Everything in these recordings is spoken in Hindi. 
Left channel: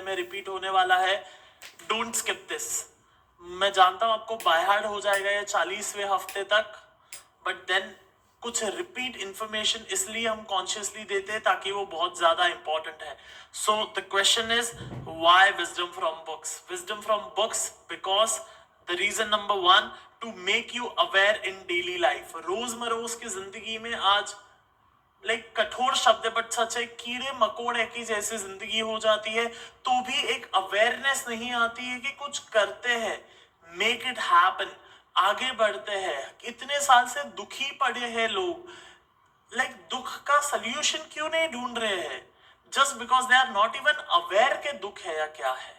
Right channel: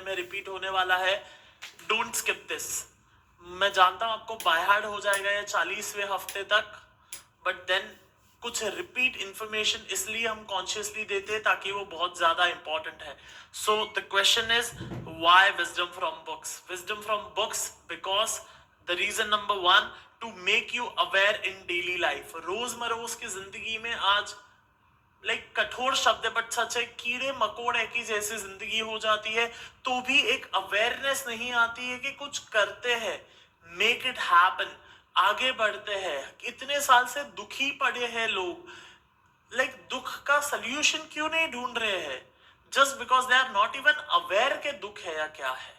में रिपीट होने वाला है. Don't skip this. मैं जानता हूं आपको बाय हार्ट हो जाएगा या 40वें हफ्ते तक, बट देन कुछ रिपीट इंफॉर्मेशन इसलिए हम कॉन्शियसली देते हैं ताकि वो बहुत ज्यादा इंपॉर्टेंट है. So the question is why wisdom from books. Wisdom from books because the reason number 1, to make you aware in daily life. रोजमरोज की जिंदगी में आज कठोर शब्द है बट सच है, कीड़े मकोड़े की जैसी जिंदगी हो जाती है तो भी एक अवेयरनेस नहीं आती है कि कुछ करते हैं, मेक इट हैपन, आगे बढ़ते हैं. इतने साल से दुखी पड़े हैं लोग. दुख का सोल्यूशन क्यों नहीं ढूंढ रहे हैं? Just because they are not even aware के दुख है या क्या है.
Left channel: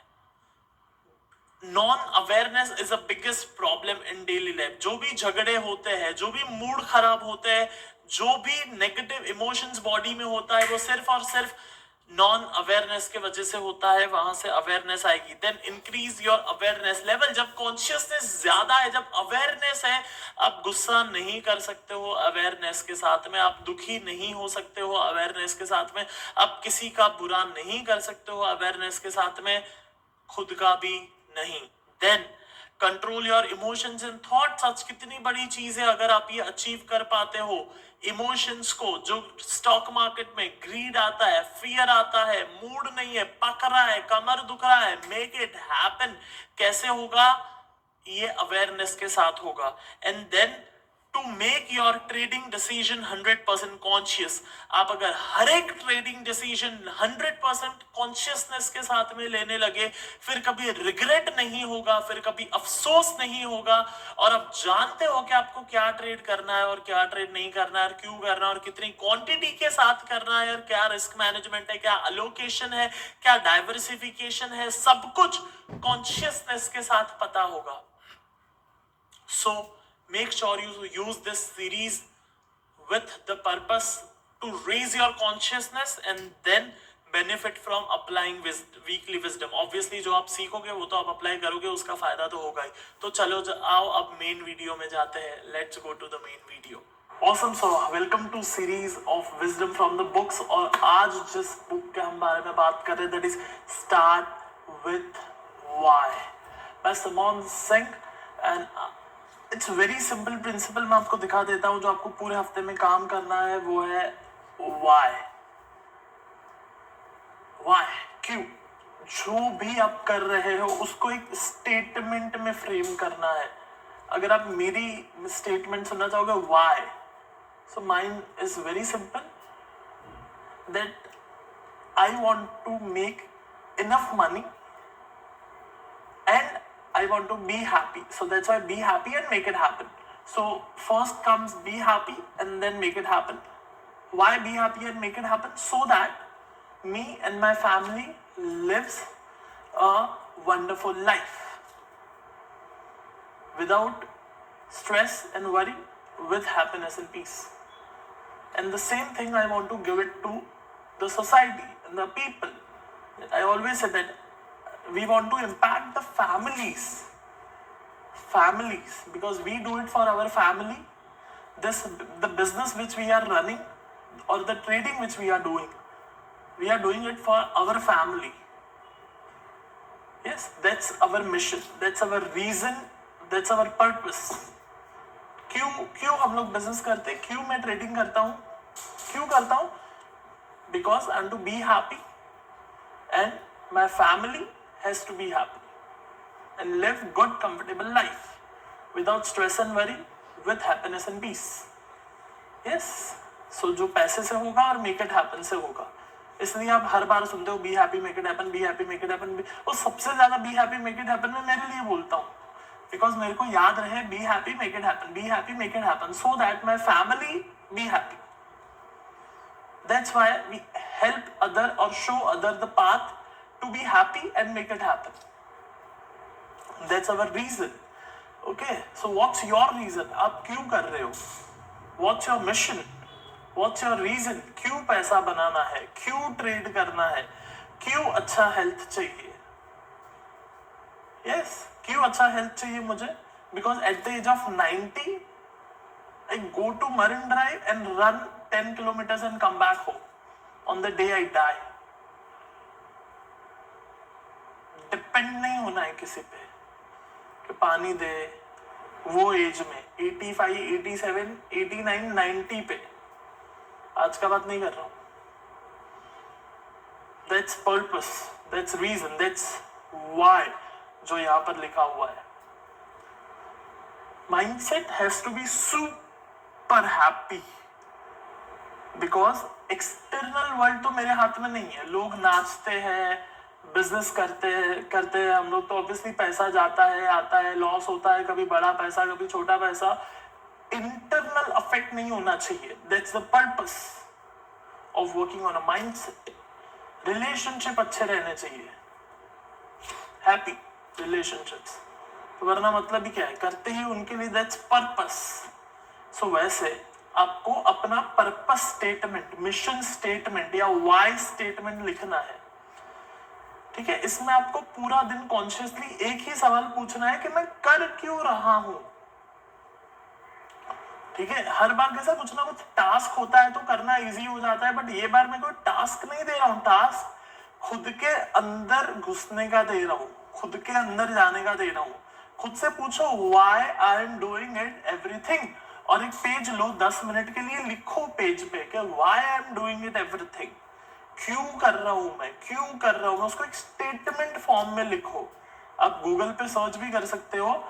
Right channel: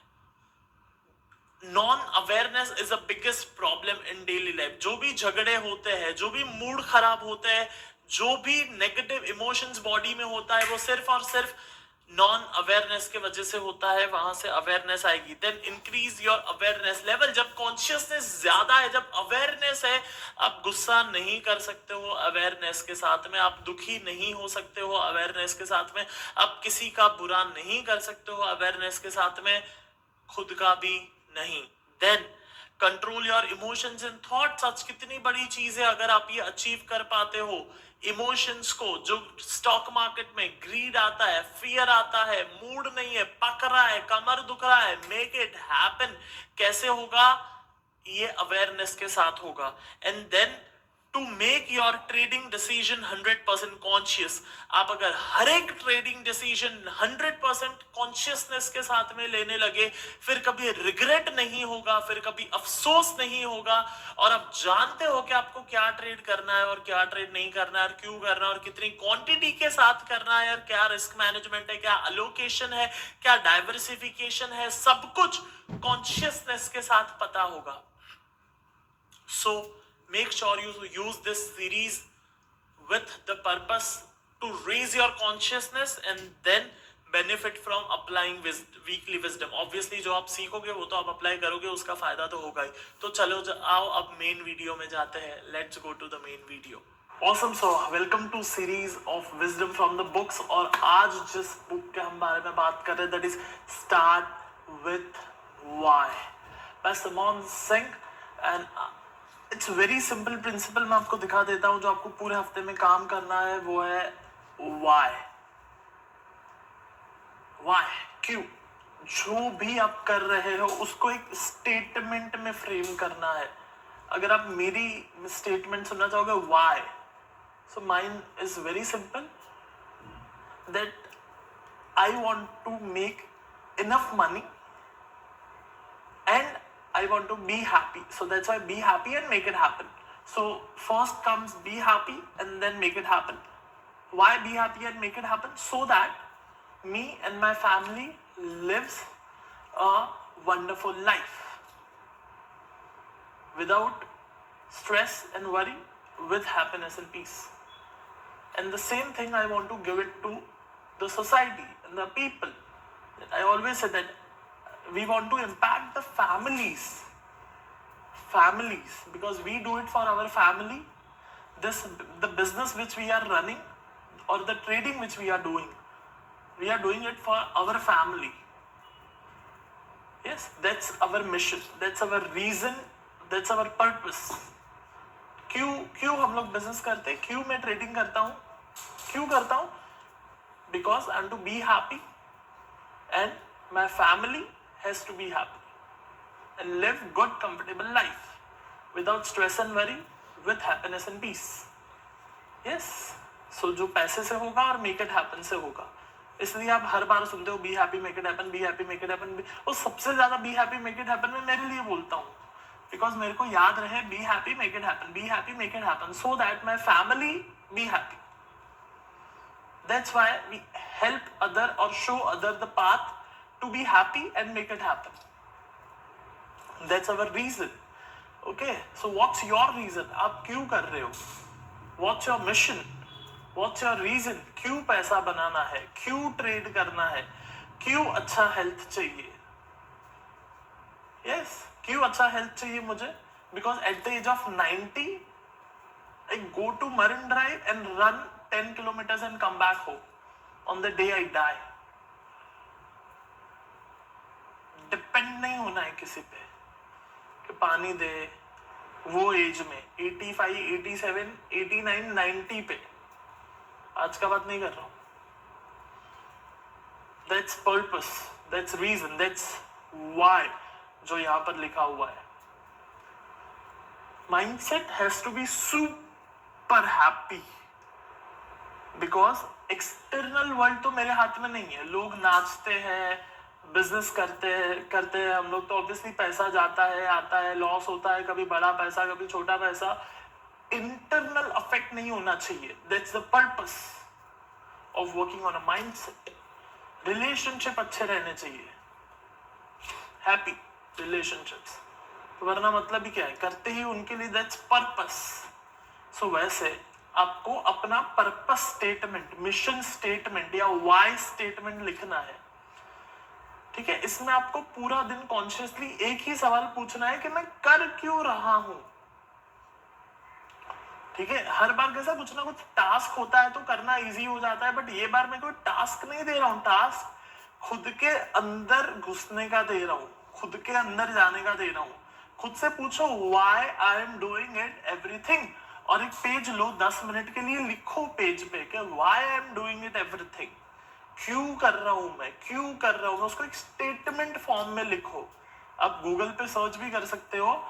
Non awareness is the biggest problem in daily life. जो भी झगड़े होते हैं, जो भी मूड खराब होते हैं, जो भी नेगेटिव इमोशंस बॉडी में होता है, वो सिर्फ और सिर्फ नॉन अवेयरनेस के वजह से होता है. वहां से अवेयरनेस आएगी. Then increase your awareness level. जब कॉन्शियसनेस ज्यादा है, जब अवेयरनेस है, आप गुस्सा नहीं कर सकते हो अवेयरनेस के साथ में, आप दुखी नहीं हो सकते हो अवेयरनेस के साथ में, आप किसी का बुरा नहीं कर सकते हो अवेयरनेस के साथ में, खुद का भी नहीं. Then control your emotions and thoughts. आज कितनी बड़ी चीज है अगर आप ये अचीव कर पाते हो. इमोशंस को, जो स्टॉक मार्केट में ग्रीड आता है, फियर आता है, मूड नहीं है, पक रहा है, कमर दुख रहा है, मेक इट हैपन. कैसे होगा? ये अवेयरनेस के साथ होगा. And then to make your trading decision 100% conscious. आप अगर हर एक ट्रेडिंग डिसीजन 100% कॉन्शियसनेस के साथ में लेने लगे, फिर कभी रिग्रेट नहीं होगा, फिर कभी अफसोस नहीं होगा, और आप जानते हो कि आपको क्या ट्रेड करना है और क्या ट्रेड नहीं करना है, और क्यों करना है, और कितनी क्वांटिटी के साथ करना है, और क्या रिस्क मैनेजमेंट है, क्या अलोकेशन है, क्या डाइवर्सिफिकेशन है, सब कुछ कॉन्शियसनेस के साथ पता होगा. So make sure you use this series with the purpose to raise your consciousness and then benefit from applying weekly wisdom. Obviously जो आप सीखोगे वो तो आप अप्लाई करोगे, उसका फायदा तो होगा ही. तो चलो आओ अब मेन वीडियो में जाते हैं. Let's go to the main video. Awesome. So welcome to series of wisdom from the books. और आज जिस बुक के हम बारे में बात कर रहे हैं, that is Start with Why by Simon Singh. And it's very simple principal. मैं आपको दिखा देता हूं. जो आपको पूरे हफ्ते में काम करना है वो है वाई. वाई, क्यों. जो भी आप कर रहे हो उसको एक स्टेटमेंट में फ्रेम करना है. अगर आप मेरी स्टेटमेंट सुनना चाहोगे why, so mine is very simple, that I want to make enough money and I want to be happy. So that's why be happy and make it happen. So first comes be happy and then make it happen. Why be happy and make it happen? So that me and my family lives a wonderful life without stress and worry, with happiness and peace. And the same thing I want to give it to the society and the people. I always say that we want to impact the families, because we do it for our family. The business which we are running or the trading which we are doing it for our family. Yes, that's our mission, that's our reason, that's our purpose. क्यों हम लोग बिजनेस करते हैं, क्यों मैं ट्रेडिंग करता हूं, because I am to be happy and my family has to be happy and live good comfortable life without stress and worry, with happiness and peace. Yes, so जो पैसे से होगा और make it happen से होगा. इसलिए आप हर बार सुनते हो be happy make it happen, be happy make it happen. और सबसे ज्यादा be happy make it happen मैं मेरे लिए बोलता हूँ, because मेरे को याद रहे be happy make it happen, be happy make it happen, so that my family be happy. That's why we help other or show other the path to be happy and make it happen. That's our reason. Okay, so what's your reason? आप क्यों कर रहे हो? What's your mission? What's your reason? क्यों पैसा बनाना है, क्यों ट्रेड करना है, क्यों अच्छा हेल्थ चाहिए. Yes, क्यों अच्छा हेल्थ चाहिए मुझे? Because at the age of 90 I go to Marine Drive and run 10 kilometers and come back home on the day I die. Depend नहीं होना है किसी पे कि पानी दे। वो एज में 85, 87, 89, 90 पे, आज का बात नहीं कर रहा हूं। That's purpose, that's reason, that's why जो यहां पर लिखा हुआ है। Mindset has to be super happy because external world तो मेरे हाथ में नहीं है। लोग नाचते हैं, बिजनेस करते हैं हम लोग, तो ऑब्वियसली पैसा जाता है, आता है, लॉस होता है, कभी बड़ा पैसा कभी छोटा पैसा। इंटरनल अफेक्ट नहीं होना चाहिए। That's the purpose of working on a mindset. Relationship अच्छे रहने चाहिए, हैप्पी रिलेशनशिप्स, वरना मतलब ही क्या है, करते ही उनके लिए। That's purpose. सो वैसे आपको अपना पर्पस स्टेटमेंट, मिशन स्टेटमेंट या वाई स्टेटमेंट लिखना है, ठीक है। इसमें आपको पूरा दिन कॉन्शियसली एक ही सवाल पूछना है कि मैं कर क्यों रहा हूं, ठीक है। हर बार कैसा कुछ ना कुछ टास्क होता है तो करना इजी हो जाता है, बट ये बार मैं कोई टास्क नहीं दे रहा हूं। टास्क खुद के अंदर घुसने का दे रहा हूं, खुद के अंदर जाने का दे रहा हूं। खुद से पूछो why I am doing it everything, और एक पेज लो, 10 मिनट के लिए लिखो पेज पे कि why I am doing it everything, क्यों कर रहा हूं मैं, क्यों कर रहा हूं मैं, उसको एक स्टेटमेंट फॉर्म में लिखो। आप गूगल पे सर्च भी कर सकते हो,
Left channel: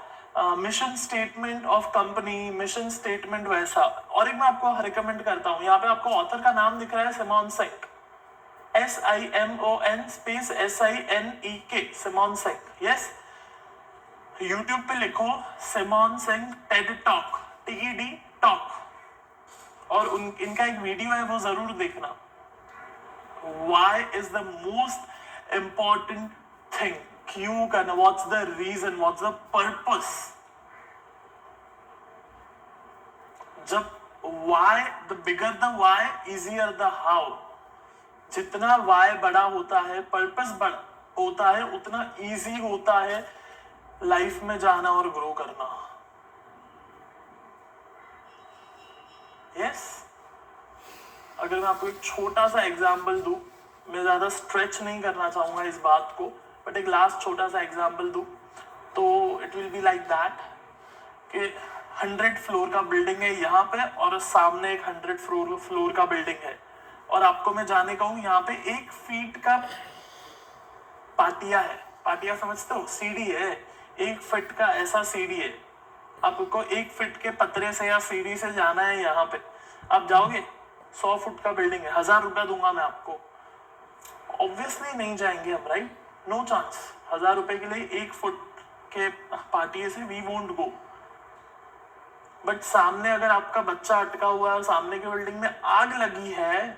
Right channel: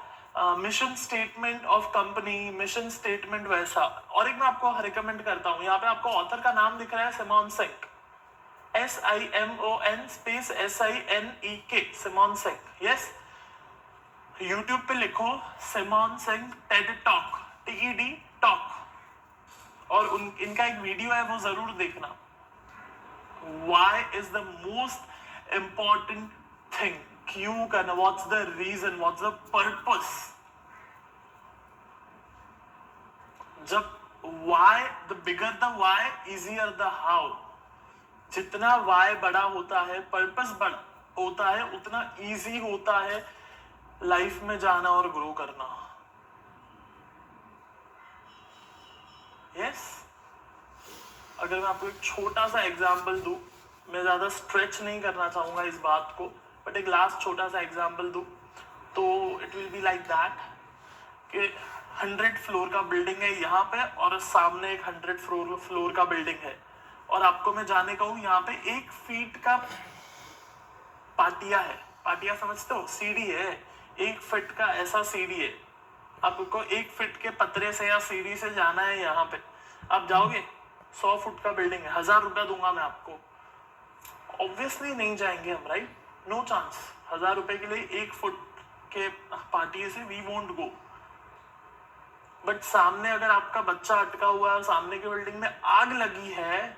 mission statement of company, mission statement वैसा। और एक मैं आपको रिकमेंड करता हूं, यहाँ पे आपको ऑथर का नाम दिख रहा है, Simon Sinek, SIMON space SINEK, Simon Sinek. Yes, YouTube पे लिखो Simon Sinek TED talk, TED talk, और इनका एक वीडियो है, वो जरूर देखना। Why is the most important thing? क्यों करना? What's the reason? What's the purpose? जब why, the bigger the why, easier the how. जितना why बड़ा होता है, purpose बड़ा होता है, उतना easy होता है लाइफ में जाना और ग्रो करना। यस, अगर मैं आपको एक छोटा सा एग्जाम्पल दूं, मैं ज्यादा स्ट्रेच नहीं करना चाहूंगा इस बात को, बट एक लास्ट छोटा सा एग्जाम्पल दूं तो it will be like that कि 100 फ्लोर का बिल्डिंग है यहाँ पे, और सामने एक 100 फ्लोर का बिल्डिंग है, और आपको मैं जाने कहूँ, यहाँ पे 1 फीट का पाटिया है। पाटिया समझते हो? सीढ़ी है, 1 फीट का ऐसा सीढ़ी है। आपको 1 फीट के पतरे से या सीढ़ी से जाना है यहाँ पे, आप जाओगे? 100 फुट का बिल्डिंग है, 1000 रुपया दूंगा मैं आपको, ऑब्वियसली नहीं जाएंगे हम, राइट? No chance. 1000 रुपए के लिए 1 फुट के पाटिये से वी वोंट गो। बट सामने अगर आपका बच्चा अटका हुआ है और सामने की बिल्डिंग में आग लगी है,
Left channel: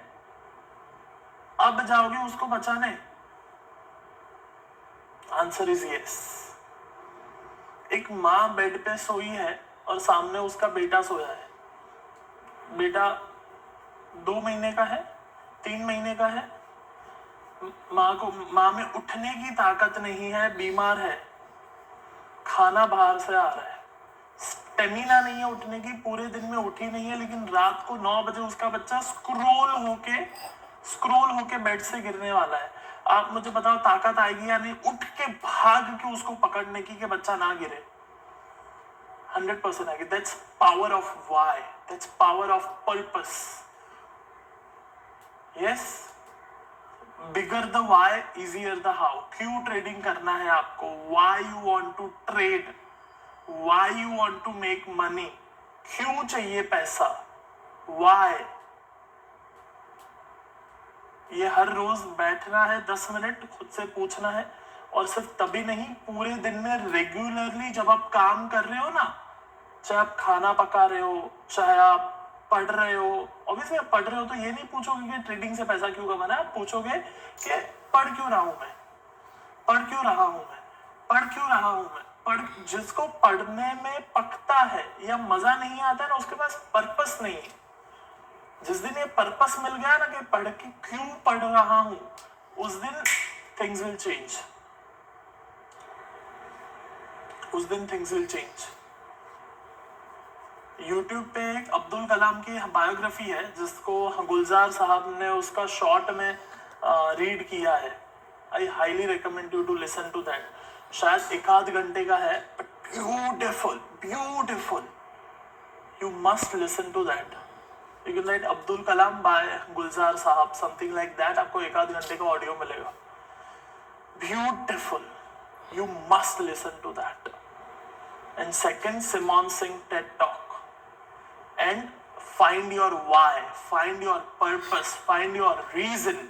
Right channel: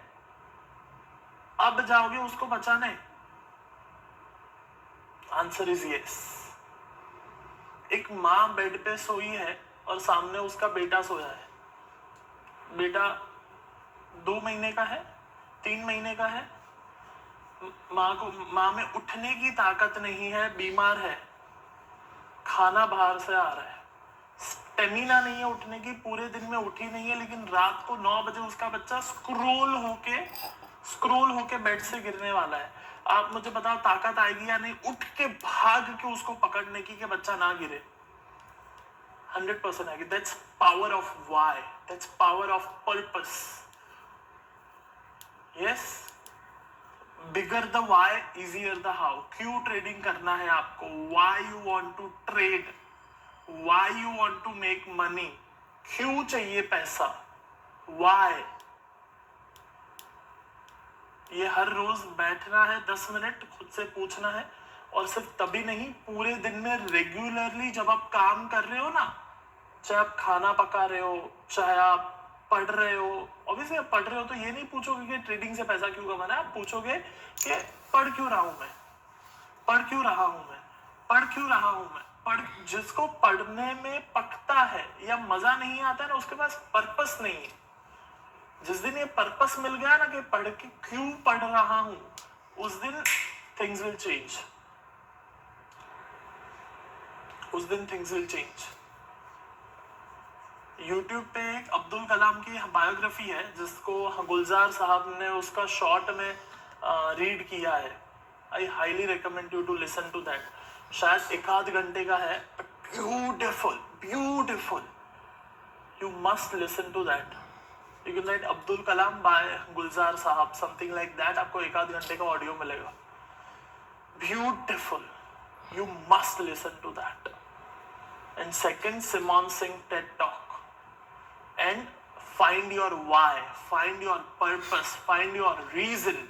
अब जाओगे उसको बचाने? Answer is yes. एक माँ बेड पे सोई है और सामने उसका बेटा सोया है। बेटा 2 महीने का है, 3 महीने का है, माँ में उठने की ताकत नहीं है, बीमार है, खाना बाहर से आ रहा है, स्टेमिना नहीं है उठने की, पूरे दिन में उठी नहीं है, लेकिन रात को 9 बजे उसका बच्चा स्क्रोल होके बेड से गिरने वाला है। आप मुझे बताओ ताकत आएगी या नहीं उठ के भाग के उसको पकड़ने की कि बच्चा ना गिरे? 100% आएगी। That's power of why, that's power of purpose. Yes, bigger the why, easier the how. क्यों ट्रेडिंग करना है आपको? Why you want to trade, why you want to make money, क्यों चाहिए पैसा, वाई। ये हर रोज बैठना है 10 मिनट, खुद से पूछना है, और सिर्फ तभी नहीं, पूरे दिन में रेगुलरली जब आप काम कर रहे हो ना, चाहे आप खाना पका रहे हो, चाहे आप पढ़ रहे हो, ऑब्वियसली आप पढ़ रहे हो तो ये नहीं पूछोगे कि ट्रेडिंग से पैसा क्यों कमाना है, आप पूछोगे कि पढ़ क्यों रहा हूं मैं, पढ़ क्यों रहा हूं मैं, पढ़ क्यों रहा हूं मैं। जिसको पढ़ने में पकता है या मजा नहीं आता है ना, उसके पास पर्पस नहीं है। जिस दिन ये पर्पस मिल गया ना कि पढ़ के क्यों पढ़ रहा हूं, उस दिन थिंग्स विल चेंज, उस दिन थिंग्स विल चेंज। यूट्यूब पे एक अब्दुल कलाम की बायोग्राफी है, जिसको गुलजार साहब ने उसका शॉर्ट में रीड किया है। I highly recommend you to listen to that. शायद एक आध घंटे का है, but beautiful. You must listen to that. You can write Abdul Kalam by Gulzar Sahab, something like that. आपको एक आध घंटे का ऑडियो मिलेगा. Beautiful. You must listen to that. And second, Simon Singh TED Talk. And find your why, find your purpose, find your reason.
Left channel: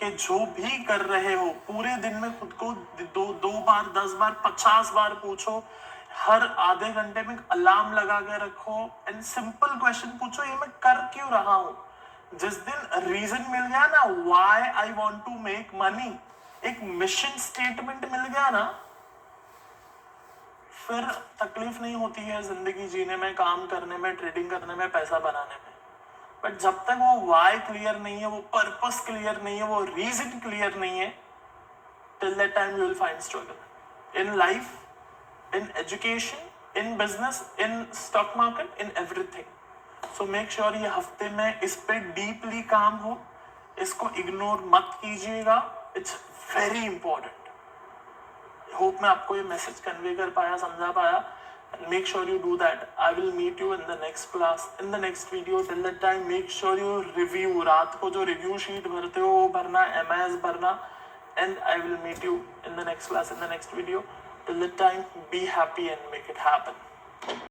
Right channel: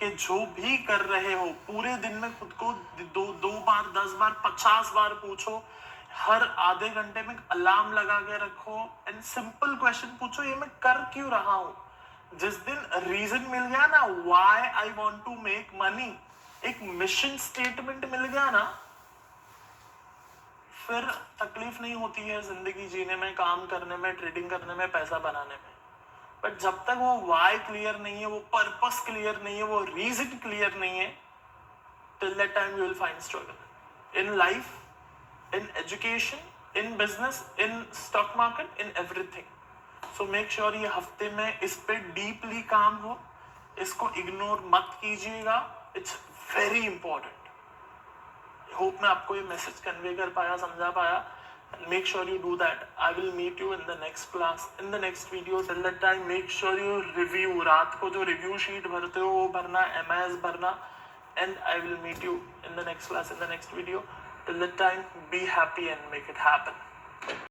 कि जो भी कर रहे हो पूरे दिन में खुद को दो बार, 10 बार, 50 बार पूछो. हर आधे घंटे में अलार्म लगा के रखो एंड सिंपल क्वेश्चन पूछो, ये मैं कर क्यों रहा हूं. जिस दिन रीजन मिल गया ना, why I want to make money, एक मिशन स्टेटमेंट मिल गया ना, फिर तकलीफ नहीं होती है जिंदगी जीने में, काम करने में, ट्रेडिंग करने में, पैसा बनाने में. बट जब तक वो वाई क्लियर नहीं है, वो पर्पस क्लियर नहीं है, वो रीजन क्लियर नहीं है, till that time you will find struggle in life, in education, in business, in stock market, in everything. So make sure ये हफ्ते में इस पे डीपली काम हो, इसको इग्नोर मत कीजिएगा. It's very important. होप मैं आपको ये मैसेज कन्वे कर पाया, समझा पाया. Make sure you do that. I will meet you in the next class, in the next video. Till that time, make sure you review. रात को जो review sheet भरते हो वो भरना, MIS भरना. And I will meet you in the next class, in the next video. Till that time, be happy and make it happen.